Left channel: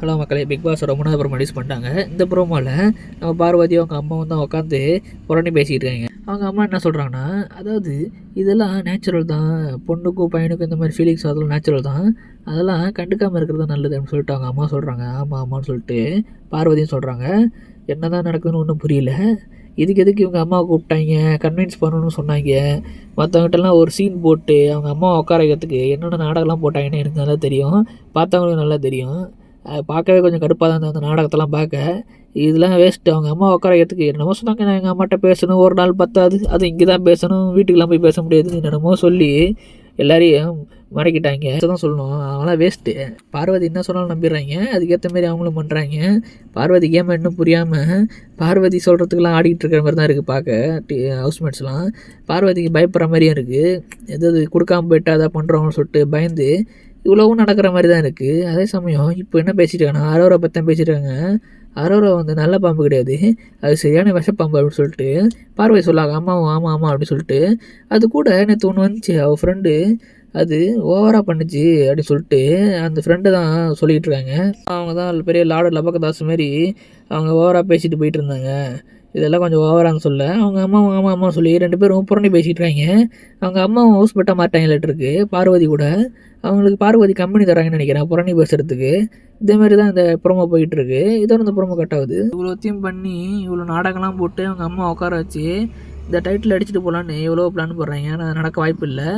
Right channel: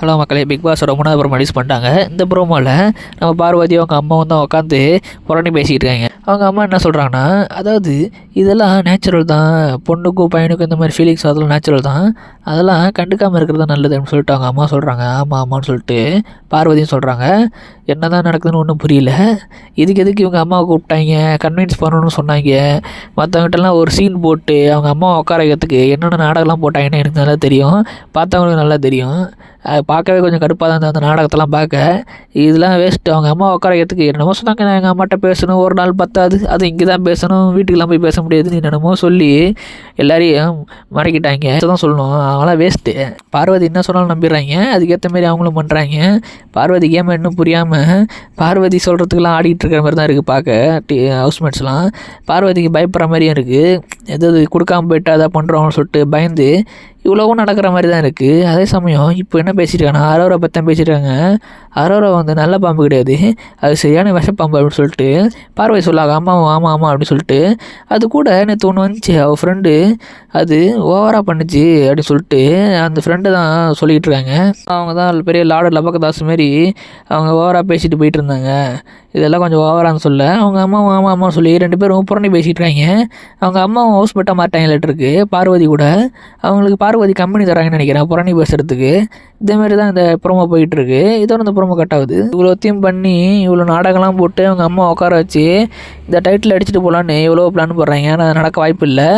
Hello மக்களே, big பாஸோட 3வது promo release பண்ணிட்டாங்க. இந்த ப்ரோமோவில் நம்ம பார்வதியும் அவங்க அம்மாவும் தான் உட்காந்து புரணி பேசிக்கிட்டு இருக்காங்க. அவங்க அம்மா என்ன சொல்கிறாங்கன்னா, அதாவது இதெல்லாம் நேச்சுரல் தான், பொண்ணுக்கும் பையனுக்கும் இந்த மாதிரி ஃபீலிங்ஸ் அதெல்லாம் நேச்சுரல் தான், அதெல்லாம் கண்டுக்காமல் இருக்கிறது தான் நல்லது அப்படின்னு சொல்லிட்டு அவங்க அம்மா சொல்கிறாங்க. ஆமாம் ஆமான்னு சொல்லிட்டு பார்வதியும் சொல்கிறாங்க. என்ன தான் நடக்குதுன்னு ஒன்றும் புரியல. எதுக்கு இவங்க அம்மாவை கூப்பிட்டாங்க, கன்வின்ஸ் பண்ணணும்னு சொன்னாங்க. மற்றவங்ககிட்டலாம் ஒரு சீன் போட்டு அவங்க அம்மாவை உட்கார வைக்கிறதுக்கு என்னென்ன நாடகம்லாம் போட்டாங்கன்னு எனக்கு நல்லா தெரியும், பார்த்தவங்களுக்கு நல்லா தெரியும். பார்க்கவே கொஞ்சம் கடுப்பாக தான் இருந்தது அந்த நாடகத்தெல்லாம் பார்க்க. இதெல்லாம் வேஸ்ட்டு. அவங்க அம்மா உட்கார வைக்கிறதுக்கு என்னமோ சொன்னாங்க, நான் எங்கள் அம்மாட்ட பேசணும், ஒரு நாள் பத்தாது, அது இங்கே தான் பேசணும், வீட்டுக்கெலாம் போய் பேச முடியாதுன்னு என்னென்னமோ சொல்லி எல்லாரையும் மறைக்கிட்டாங்க. தான் சொல்லணும், அவங்களாம் வேஸ்ட்டு. பார்வதி என்ன சொன்னாலும் நம்பிடுறாங்க, அதுக்கேற்ற மாதிரி அவங்களும் பண்ணுறாங்க. பார்வதி கேமை இன்னும் புரியாமல் பார்வதி சொல்கிறதுக்கெல்லாம் ஆடிக்கிட்டு இருக்கிற மாதிரி தான் இருக்குது பார்க்க. ஹவுஸ்மேட்ஸ்லாம் பார்வதிக்கு பயப்படுற மாதிரியும் இருக்குது. எதாவது கொடுக்காம போயிட்டு அதை பண்ணுறோம்னு சொல்லிட்டு பயந்து இவ்வளவும் நடக்கிற மாதிரி தான் இருக்குது. அதே சமயம் இப்போ என்ன பேசியிருக்காங்கன்னா, அரோரா பற்றி தான் பேசியிருக்காங்க. அரோரா வந்து நல்ல பாம்பு கிடையாது, அது சரியான விஷப்பாம்பு அப்படின்னு சொல்லிட்டு பார்வதி சொல்லாங்க. ஆமாம் அப்படின்னு சொல்லிட்டு அது கூட நேற்று ஒன்று வந்துச்சு, அவள் ஃப்ரெண்டு அது ஓவராக பண்ணுச்சு அப்படின்னு சொல்லிட்டு அந்த ஃப்ரெண்டு தான் சொல்லிகிட்டு இருக்காங்க. அவங்க தான் பெரிய லார்டு லபக்கதாஸ் மாரி அவங்க ஓவராக பேசிட்டு போயிட்டு இருந்தாங்க. இதெல்லாம் கொஞ்சம் ஓவரான்னு சொல்ல அவங்க அம்மாவும் ஆமாம் சொல்லி 2 பேரும் புரணி பேசிகிட்டு இருக்காங்க. அவங்க அம்மாவும் ஹவுஸ் மேட்டாக மாட்டாங்களாட்டிருக்கு பார்வதி கூட. அவங்களுக்கு பார்வதி கம்பெனி தராங்கன்னு நினைக்கிறேன் புரணி பேசுகிறதுக்கு. இதேமாரி தான் இந்த ப்ரோமோ போயிட்டுருக்கு. இதோட இந்த ப்ரோமோ கட் ஆகுது. இவ்வளோத்தையும் பண்ணி இவ்வளோ நாடகம்லாம் போட்டு அவங்க அம்மா உட்கார வச்சு இந்த டைட்டில் அடிச்சுட்டு போகலான்னு எவ்வளோ பிளான் போடுறாங்க. ஆனால் அது நடக்க வாய்ப்பு இல்லை.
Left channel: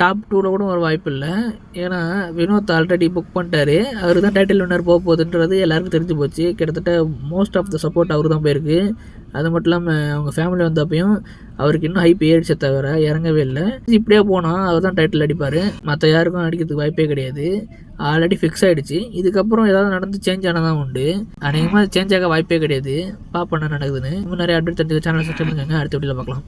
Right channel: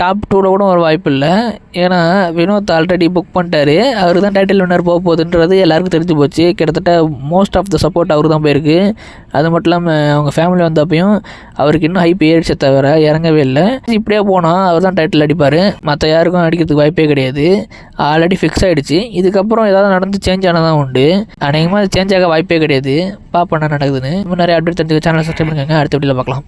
டாப் 2ல் கூட ஒரு வாய்ப்பு இல்லை. ஏன்னா வினோத் ஆல்ரெடி புக் பண்ணிட்டாரு. அவர் தான் டைட்டில் வின்னர் போக போகுதுன்றது எல்லாருக்கும் தெரிஞ்சு போச்சு. கிட்டத்தட்ட மோஸ்ட் ஆஃப் த சப்போர்ட் அவர் தான் போயிருக்கு. அது மட்டும் இல்லாமல் அவங்க ஃபேமிலி வந்தப்பையும் அவருக்கு இன்னும் ஹைப் ஏறிச்சே தவிர இறங்கவே இல்லை. இப்படியே போனால் அவர் தான் டைட்டில் அடிப்பார், மற்ற யாருக்கும் அடிக்கிறதுக்கு வாய்ப்பே கிடையாது. ஆல்ரெடி ஃபிக்ஸ் ஆகிடுச்சு. இதுக்கப்புறம் ஏதாவது நடந்து சேஞ்ச் ஆனதான் உண்டு. அநேகமாக சேஞ்ச் ஆக வாய்ப்பே கிடையாது. பார்ப்போம் என்ன நடக்குதுன்னு. இன்னும் நிறைய அப்டேட் தெரிஞ்சுக்க சேனல் சப்ஸ்கிரைப் பண்ணுங்க. அடுத்த வீடியோவில் பார்க்கலாம்.